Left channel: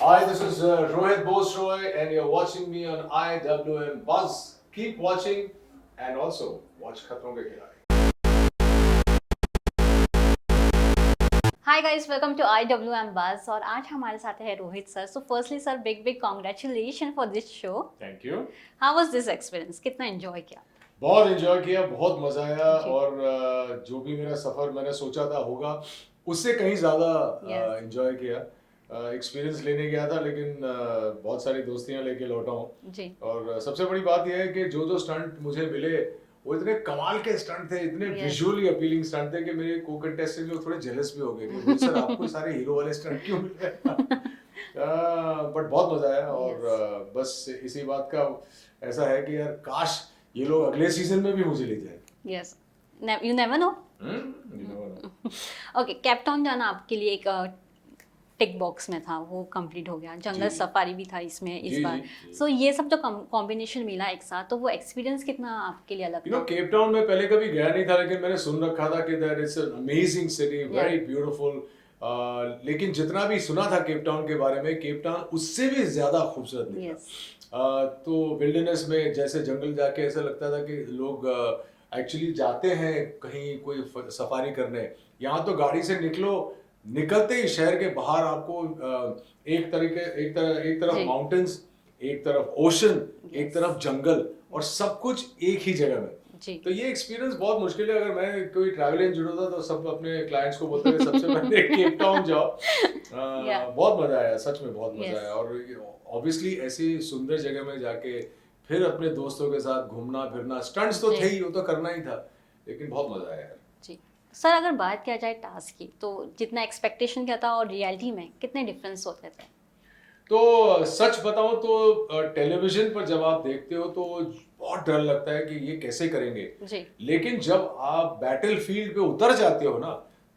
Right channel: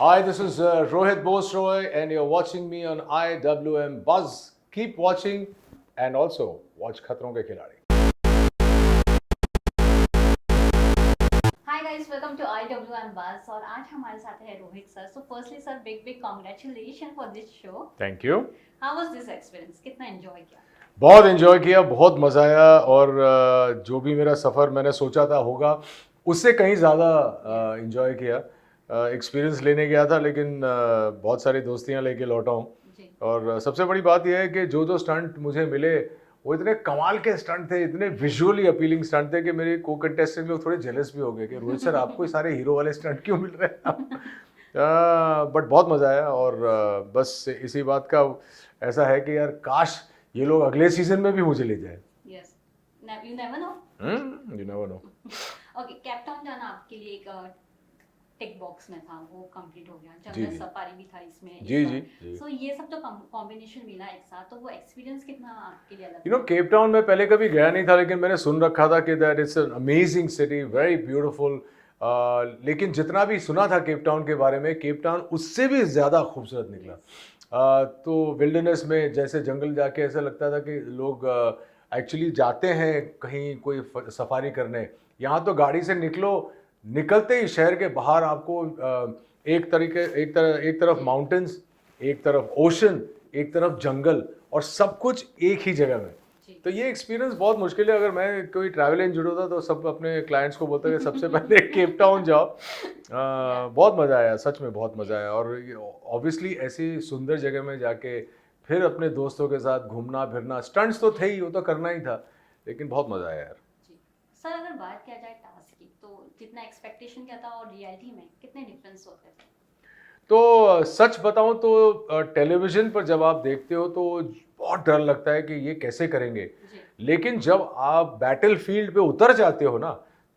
Hi, this is Rohit Bosroy, and you're watching me on IWM Buzz. Keep watching and also watch Khatron Ke Khiladi. Hi guys, welcome to IWM buzz और आज हमारे साथ है Rohit sir. So firstly sir, big big congratulation for this show. Thank you. How was this experience? कितना enjoy किया? बहुत enjoy किया, बहुत मजा आया और जो भी मेरा सफर मैंने सोचा था होगा उससे कहीं ज़्यादा एंजॉय किया. एक्सपीरियंस लेने गया था लेकिन बहुत सारी दोस्तियां लेके लौटा हूँ जी. और सबसे बड़ी बात यह है कि जो स्टंट मुझे मिले वो इतने कमाल के स्टंट थे, इतने विजुअली अपीलिंग स्टंट थे कि मेरे को कंटेस्टेंट लोग थोड़े जेलस भी हो गए कि रोहित सर आपको सारे हीरो वाले स्टंट क्यों मिल रहे हैं. बट बहुत मजा आया और बस इसी बात का ऐसा है कि यार काश ये लोग अगले सीजन में भी मुझे ले जाए. Yes, you never know. You never know. Okay, Cape Town जाना आपके लिए एक टिक बॉक्स में था, वो कंप्लीट हो गया. जंगल सफारी भी था इसमें इस बार. सो ये सब जो कॉम्बिनेशन मिला एक साथ, तो वो एक्सपीरियंस कितना आपके लिए अलग? यू नो, केप टाउन में पहले कभी गया नहीं था लेकिन मैंने सुन रखा था कि that it's an amazing city, very beautiful. लेकिन जितना भी सुना था केप टाउन के बारे में, केप टाउन उससे भी ज्यादा खूबसूरत निकला. तो विल्डरनेस में जैसे जंगल जाके ऐसा लगता था कि लोग एक्चुअली जाते हैं कहीं कोई सफारी करने. यहाँ तो गाड़ी से निकलते ही शहर के बाहर आपको एक तरफ माउंटेन्स, एक तरफ ओशन, एक तरफ जंगल और सब कुछ एक ही जगह में. तो ये एक्सपीरियंस बहुत मुश्किल है. अगर मैं कोई ट्रैवल एजेंट होता तो सब अपने क्लाइंट्स को बोलते हैं सबसे पहले केप टाउन जाओ. बहुत मजा आया, सच में बहुत मजा आया. और ऑब्वियसली ऐसी सुंदर जगह में जाके फिर अपने दोस्तों के साथ घूमना फिरना, स्टंट्स तो थे ही, वो तो करना ही था, लेकिन बहुत मजा आया यार. सर, अगर बात किया जाए टास्क की, तो जितना एक्सपेक्टेशन किया था और रियलिटी में कितने डिफरेंस होते थे? तो सच बताऊं तो टेलीविजन पर जब आप देखते हो तो बहुत डर लगता है कि ये कैसे करेंगे जी. लेकिन जब आप बैटल फील्ड पे उतर जाते हो ना,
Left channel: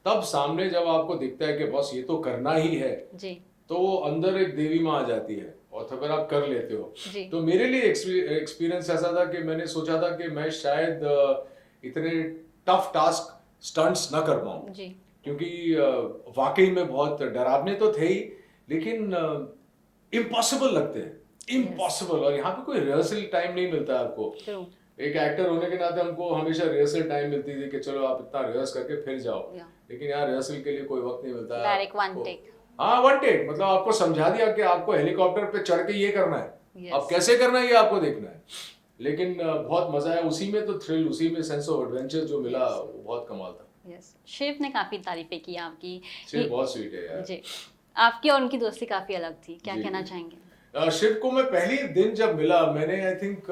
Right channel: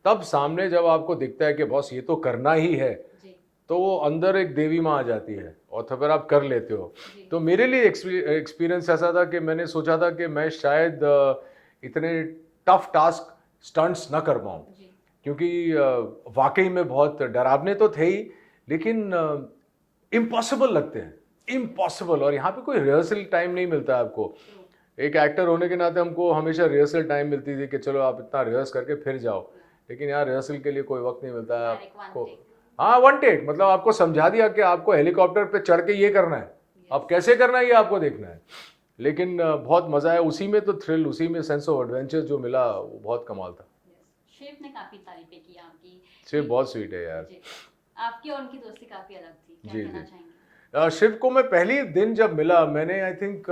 तब सामने जब आपको दिखता है कि बॉस ये तो करना ही है जी. तो अंदर एक देवी माँ आ जाती है और तो फिर आप कर लेते हो. तो मेरे लिए एक्सपीरियंस ऐसा था कि मैंने सोचा था कि मैं शायद इतने टफ टास्क स्टंट्स ना कर पाऊँ, क्योंकि वाकई में बहुत डरावने तो थे ही लेकिन इम्पॉसिबल लगते हैं, इम्पॉसिबल. और यहाँ पे कोई रिहर्सल टाइम नहीं मिलता आपको. एक एक्टर होने के नाते हमको हमेशा रिहर्सल टाइम मिलती थी कि चलो आप इतना रिहर्स करके फिर जाओ, लेकिन यहाँ रिहर्सल के लिए कोई वक्त नहीं मिलता है. हाँ, वन टेक, मतलब आपको समझा दिया कि आपको हेलीकॉप्टर पे चढ़ के ये करना है. अब कैसे करना है ये आपको देखना है. लेकिन बहुत मजा आया उसी में, तो थ्रिल, उसी में सेंस ऑफ एडवेंचर जो मिला वो बहुत कमाल था. शिव ने काफी तारीफें की आपकी. शिव बहुत स्वीट है यार. जी. आपकी और उनकी दोस्ती काफी अलग थी, क्या कहना चाहेंगे? शिव को मैं पहले दिन जब मिला, मैंने आई थिंक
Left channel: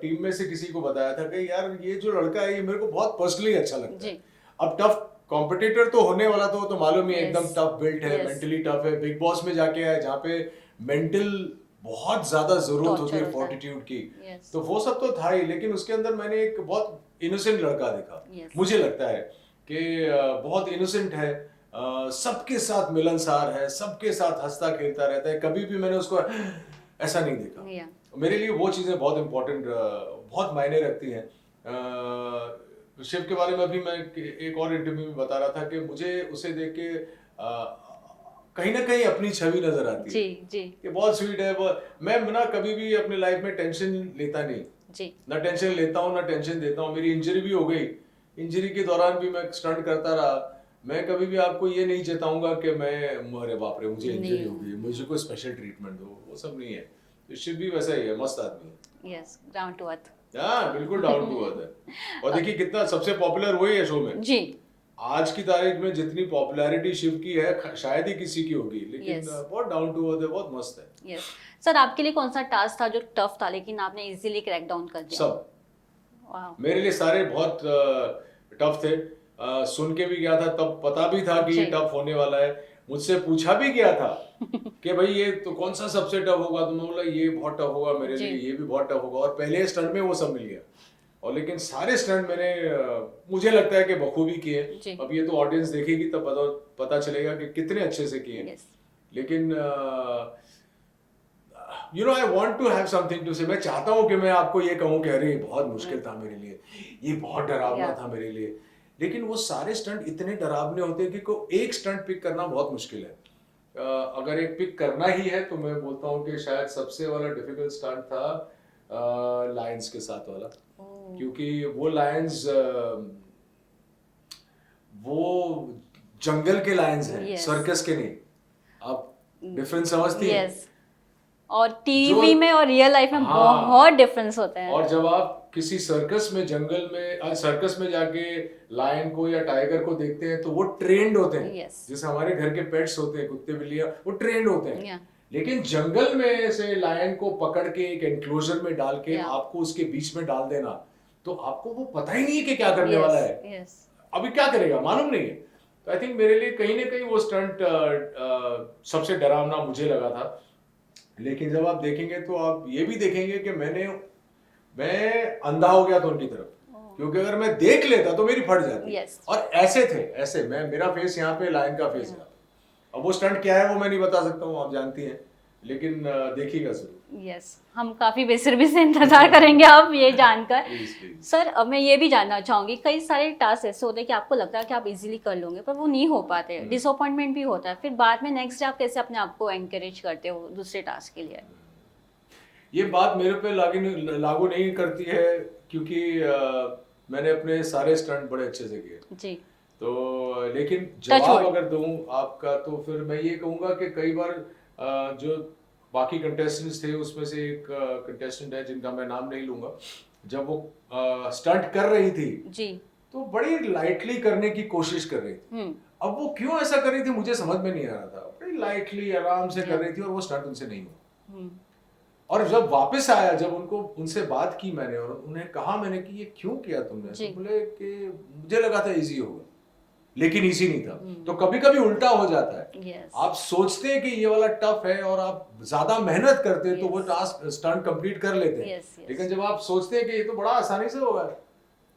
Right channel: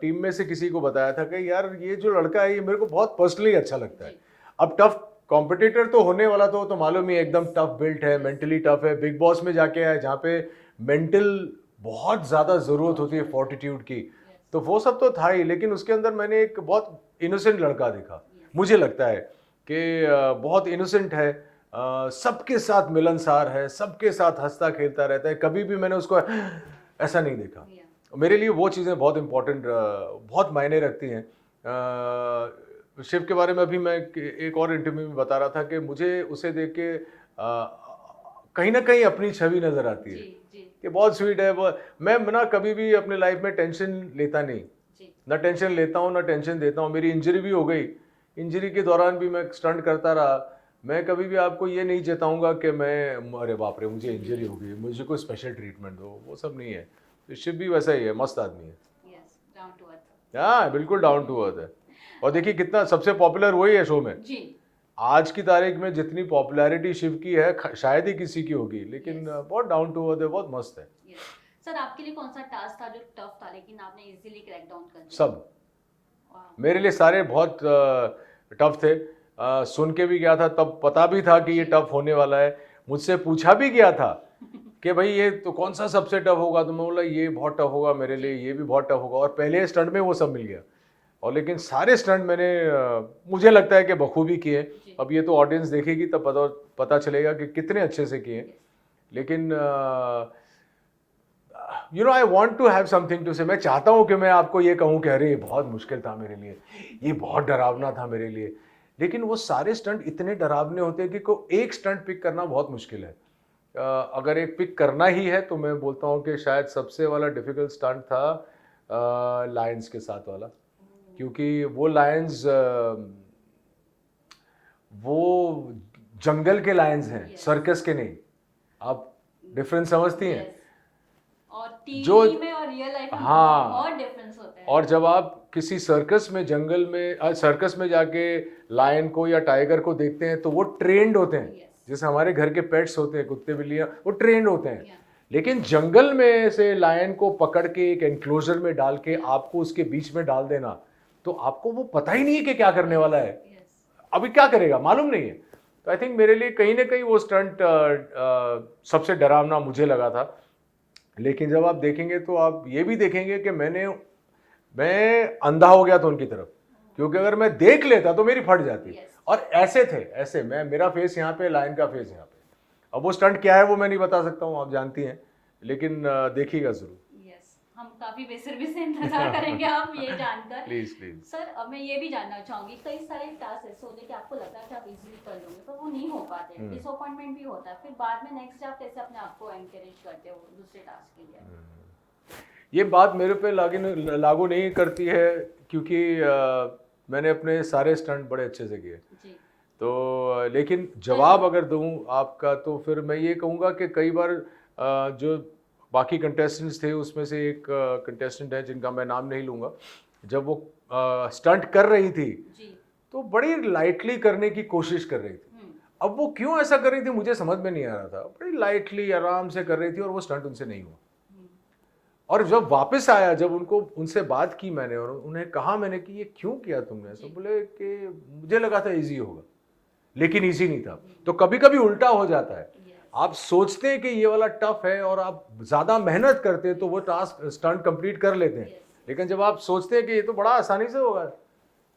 टीम में से किसी को बताया था कि यार ये जो लड़का है ये मेरे को बहुत पर्सनली अच्छा लगता है. अब टफ कॉम्पिटिटर तो होने वाला तो मालूम ही, एकदम टफ बिल्ट है, मेंटली टफ है. बिग बॉस में जाके आए जहाँ पे मेंटल बहुत ज्यादा जरूरत होती है, फोर्टिट्यूड की. तो वो सब तो था ही, लेकिन उसके अंदर मैंने एक बहुत इनोसेंट लड़का देखा. मुझे लगता है कि बहुत इनोसेंट है, सबके साथ मिलनसार है, सबके साथ हंसता खेलता रहता है. कभी भी मैंने उसको ऐसा नहीं देखा. मेरे लिए वो चीज़ें बहुत इंपॉर्टेंट, बहुत मायने रखती हैं. शिव के बारे में अभी मैं एक और इंटरव्यू में बता रहा था कि मुझे उसे देख के कहीं ना कहीं अपनी छवि नजर आती है. जी. ये बहुत स्वीट है. मैं ना कभी भी अपने लाइफ में टेंशन लेता नहीं. ना टेंशन लेता हूँ ना टेंशन देता हूँ. मेरी इंजरी भी हो गई, इंजरी के दौरान भी मैं स्टंट करता रहा. मैं कभी भी आपको ये नहीं चेताऊंगा कि मैं अरे बाप रे मुझे इंजरी हो गई, मुझे कोई स्पेशल ट्रीटमेंट दो, वो सब नहीं है. शिव भी वैसा ही है, मस्त आदमी है. Yes, down to earth. हाँ, बिल्कुल डाउन टू अर्थ है. और देखिए कितना सबसे पॉपुलर वही है शो में जी. आज की तारीख में जितनी पॉपुलैरिटी शिव की है शायद ही किसी की होगी, लेकिन बहुत डाउन टू अर्थ है, बहुत मस्त है. यस. सर, आपके लिए कौन सा टास्क था जो टफ था लेकिन आपने इजीली क्रैक डाउन कर दिया? सब. मेरे लिए सारे बहुत टफ थे. सुन के भी गया था, तब पता भी था कि ये टफ होने वाला है. मुझसे पूछा भी गया था कि भाई ये तो कौन सा सबसे टफ होगा, तो मैं बोला ये बहुत टफ होगा मेरे लिए, ये भी बहुत टफ होगा. और पहले स्टंट में वो सब मिल गया. और लेकिन सारे स्टंट मैंने मुझे लगता है कि बखूबी किए. अब ये तो ऑडियंस देखेगी तब पता चलेगा कि कितने अच्छे से किए. लेकिन you know, I want to have something to say. मैं चाहता हूँ कि मैं आपको ये कहूँ कि अरे बहुत मुश्किल था मेरे लिए, ये बहुत डरावना था मेरे लिए. लेकिन वो सारे स्टंट इतने डरावने होते हैं कि एक स्टंट पिक करना बहुत मुश्किल है. अगर एक पिक करना ही है तो मैं बोलता हूँ कि शायद सबसे वाला डिफिकल्ट स्टंट था लायंस के साथ वाला, क्योंकि वो लायंस वो जंगल के लायंस हैं, Yes. सर्कस के नहीं। आप डिफरेंस समझती हैं? यस, और टीवी में और रियल लाइफ में हाँ, बहुत डिफरेंस होता है। और जब आप किसी सर्कस में जंगल में सर्कस में जाके लायन को या टाइगर को देखते हैं तो वो ट्रेंड होते हैं। Yes. जैसे हमारे घर के पेट्स होते हैं, कुत्ते बिल्लियां, वो ट्रेंड होते हैं। Yeah. लेकिन जंगल में से लायन को पकड़ के एक एनक्लोजर में डाल के Yeah. आपको उसके बीच में डाल देना, तो आपको वो पता ही नहीं है कि क्या करने वाला है। Yes. अभी क्या करेगा मालूम नहीं है। तो आई थिंक मेरे लिए कहीं ना कहीं वो स्टंट सबसे डरावना मुझे लगा था। लेकिन जब आप देखेंगे तो आप ये भी देखेंगे कि मैं अंधा हो गया था उनकी तरफ, क्योंकि अगर मैं देख लेता तो मेरी फट जाती। Yes. और ऐसे थे, ऐसे मेरा फेस यहाँ पे, लायन का फेस यहाँ पे। अब वो स्टंट क्या है वो मैं नहीं बता सकता हूँ, आप जानती हैं, लेकिन देखिएगा जरूर। यस, हम काफी बेसब्री से इंतजार करेंगे आप ये जानकर। Please please. सर, अब मैं ये भी जानना चाहूंगी, कई सारे टास्क ऐसे होते हैं कि आपको लगता है कि आप इजीली कर लोगे पर वो नहीं हो पाते, डिसअपॉइंटमेंट भी होता है, फिर बाद में नेक्स्ट डे आप कैसे अपने आप को एनकरेज करते हो दूसरे टास्क के लिए? ये बात मेरे पे लागू नहीं करती है, क्योंकि मैंने अपने सारे स्टंट बड़े अच्छे से किए जी। तो, लेकिन जवाब अगर दूं आपका तो फिर मैं ये कहूँगा कि कई बार जो बाकी कंटेस्टेंट्स थे उसमें से एक कंटेस्टेंट है जिनका मैं नाम नहीं लूंगा, जब वो स्टंट कर रही थी जी तो बड़ी लाइटली करने की कोशिश कर रही थी। अब वो क्यों ऐसा कर रही थी मुझे समझ में नहीं आ रहा था, बड़ी लाइटली आराम से कर रही थी और वो स्टंट उनसे नहीं हुआ। और जब वापस आया, जब उनसे बात की मैंने और उन्हें कहा मैंने कि ये क्यों किया तुमने, तो बोले कि मुझे लगा था इजी होगा, लेकिन इजी नहीं था। तो कभी कभी उल्टा हो जाता है। Yes. आप सोचते हैं कि ये वाला टफ है और आप ज्यादा मेहनत करते हैं तो वो टास्क स्टंट कंप्लीट कर लेते हैं। लेकिन जब आप सोचते हैं कि ये तो बड़ा आसानी से होगा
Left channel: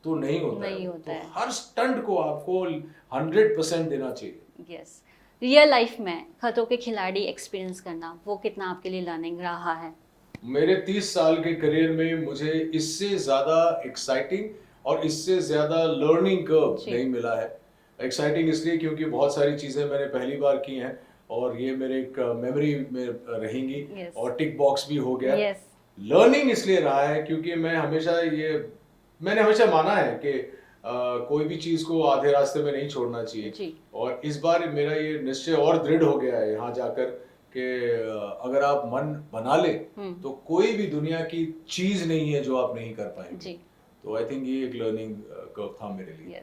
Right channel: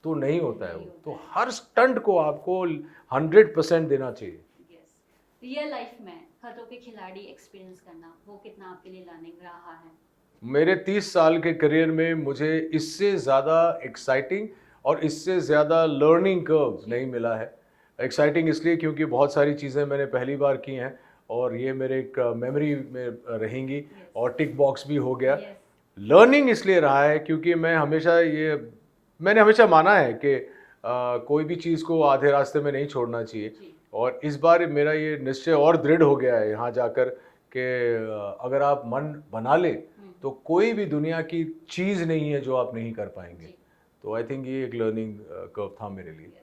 तो नहीं होता है। तो हर स्टंट को आपको 100% देना चाहिए। यस, रियल लाइफ में खतरों के खिलाड़ी एक्सपीरियंस करना वो कितना आपके लिए लर्निंग रहा है? मेरे 30 साल के करियर में मुझे इससे ज़्यादा एक्साइटिंग और इससे ज़्यादा लर्निंग कर्व नहीं मिला है। एक्साइटिंग इसलिए क्योंकि बहुत सारी चीज़ें मैंने पहली बार की हैं और ये मेरे एक मेमोरी में रहेंगी। और टिक बॉक्स भी हो गया। लर्निंग इसलिए रहा है क्योंकि मैंने हमेशा माना है कि कोई भी चीज़ को आधे रास्ते में नहीं छोड़ना चाहिए। और इस बार मेरा ये निश्चय और दृढ़ हो गया है यहाँ जाकर कि अगर आप मन बना ले तो कोई भी दुनिया की चीज नहीं है जो आप नहीं कर पाएंगे। तो आई थिंक ये एक लर्निंग कर्व था मेरे लिए।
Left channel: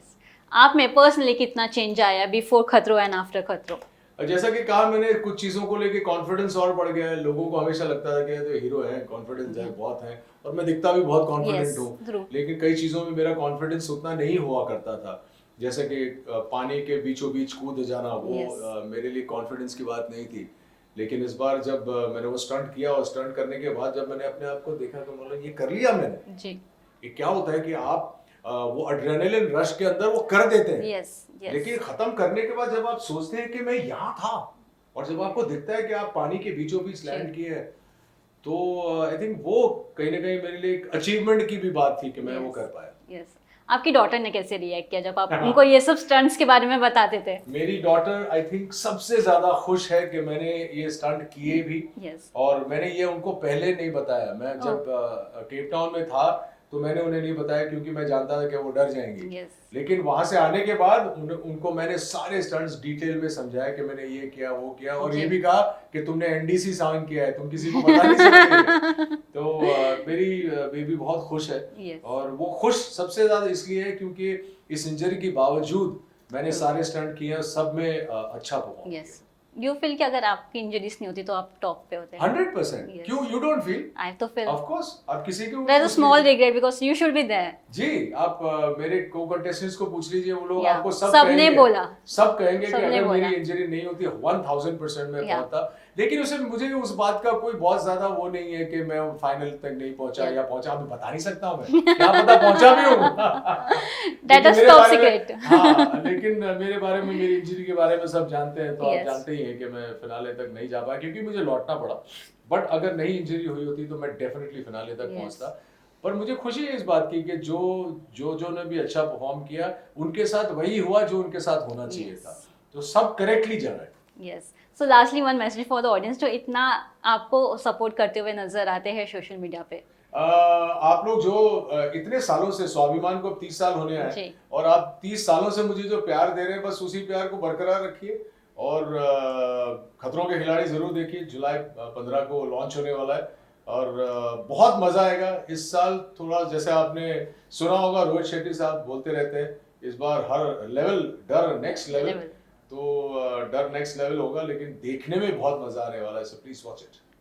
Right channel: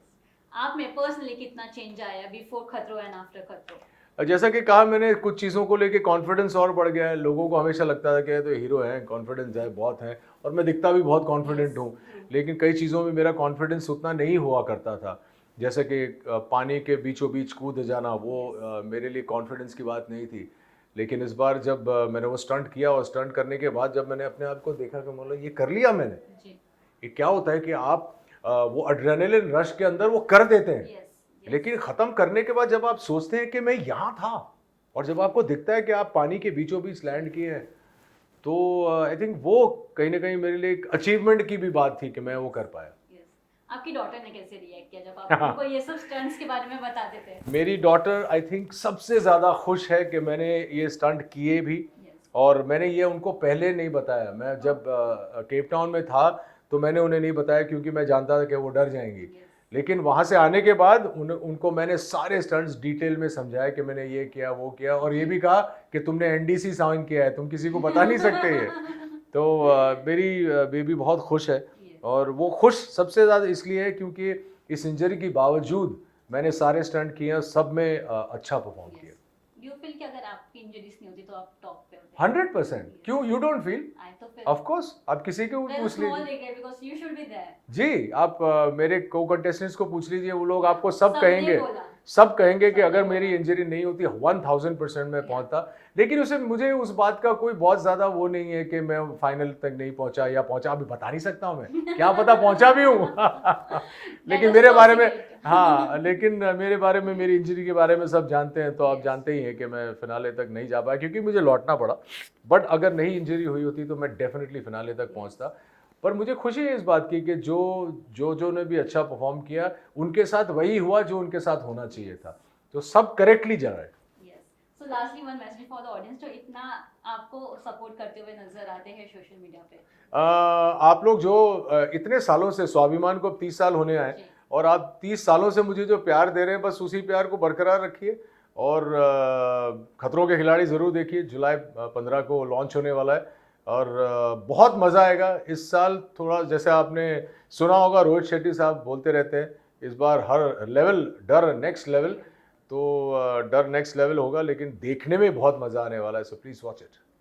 आप में पर्सनली कितना चेंज आया बिफोर खतरों एंड आफ्टर खतरों? जैसा कि कहा मैंने, कुछ चीज़ों को लेके कॉन्फिडेंस और बढ़ गया है। लोगों को हमेशा लगता था कि तो हीरो है, कॉन्फिडेंस है, बहुत है, और मैं दिखता भी बहुत कॉन्फिडेंट हूँ। लेकिन कई चीज़ों में मेरा कॉन्फिडेंस उतना नहीं हुआ करता था। जैसे कि पानी के बीचों बीच कूद जाना, वो मेरे लिए कॉन्फिडेंस की बात नहीं थी। लेकिन इस बार जब मैंने वो स्टंट किया और स्टंट करने के बाद जब मैंने अपने आप को देखा कि मतलब ये कर लिया मैंने जी। ये क्या होता है कि आप वो एड्रेनलिन रश के अंदर वो कर देते हैं। लेकिन खत्म करने के बाद जब आप सोचते हैं कि मैं यहाँ था, और जब आपको दिखता है कि आप पानी के बीचों बीच लैंड किए हैं, तो आई थिंक वो कहीं ना कहीं मेरे लिए एक अचीवमेंट की भी बात थी कि मैं वो कर पाया। आपकी डॉटर ने कैसे रिएक्ट किया जब आप उनको ये सब स्टंट्स के बारे में बताते थे? मेरी डॉटर आई थिंक सबसे ज्यादा खुश है कि मैंने ये स्टंट किए भी। और मैंने ये उनको पहले नहीं बताया। मैं जब केप टाउन में था तो मैंने उन्हें नहीं बताया क्योंकि मैं जानता था कि वो डर जाएंगी। लेकिन वहां से आने के बाद उनको मैंने सारे स्टंट्स डिटेल में समझाया कि मैंने ये किया, वो किया, और ये भी कहा कि तुमने एनडीसी साइन किया है, तुम किसी को बता नहीं सकते। तो मेरी बेबी बहुत खुश है। और वो खुश सबसे ज्यादा इसलिए है क्योंकि इस इंजरी के बावजूद मैंने सारे स्टंट किए और सब में अच्छा परफॉर्म किया। You feel कि अगर आपकी इंजरीज नहीं होती तो आप टॉप पे होते? 100%। क्यों? You don't feel? I तो feel. Of course. आप किसी को There's a small regret because you should be there. जी, आप मेरे को-कंटेस्टेंट्स को पूछ लीजिए, वो लोग आपको सब कहेंगे। सब कहेंगे कि अगर मेरी इंजरी नहीं होती 1000% में पहुंचता। लेकिन मुझे उस बात का कोई बहुत ज्यादा वो नहीं है कि मैं फाइनल तक नहीं पहुंचा या पहुंचा, अभी बता नहीं सकता हूँ मैं, क्या पता पहुंचा भी हूँ। हाँ, लेकिन मेरे बारे में, मेरी इंजरी के बारे में सब जानते हैं, तो आप जानते ही हैं कि मैं फिनाले तक नहीं जा पाया क्योंकि मुझे लौटना पड़ा। बट अगर नहीं इंजरी हुई होती तो मैं डेफिनेटली फिनाले तक पहुंचता। पर मुझे खुशी है इस बात की कि जो ने भी अच्छा परफॉर्म किया उनके साथ वही हुआ जो उनके साथ होना चाहिए था। तो सब करेक्टली जा रहा है। सो lastly one message for the audience जो इतना आपको सपोर्ट करते हुए नजर आते हैं सोशल मीडिया पे। आप लोग जो इतने सालों से स्वाभिमान को अब 30 साल होने आए जी। और आप 30 सालों से मुझे जो प्यार दे रहे हैं बस उसी प्यार को बरकरार रखिए और खतरों के खिलाड़ी जरूर देखिए। जुलाई 15 को लॉन्च होने वाला है और बहुत मजा आएगा इस साल। थोड़ा जैसे आपने सुना होगा रोहित शेट्टी साहब बोलते रहते हैं इस बार हर लेवल डर नेक्स्ट लेवल, तो डर नेक्स्ट लेवल होगा लेकिन देखने में बहुत मजा आने वाला है। So please watch it.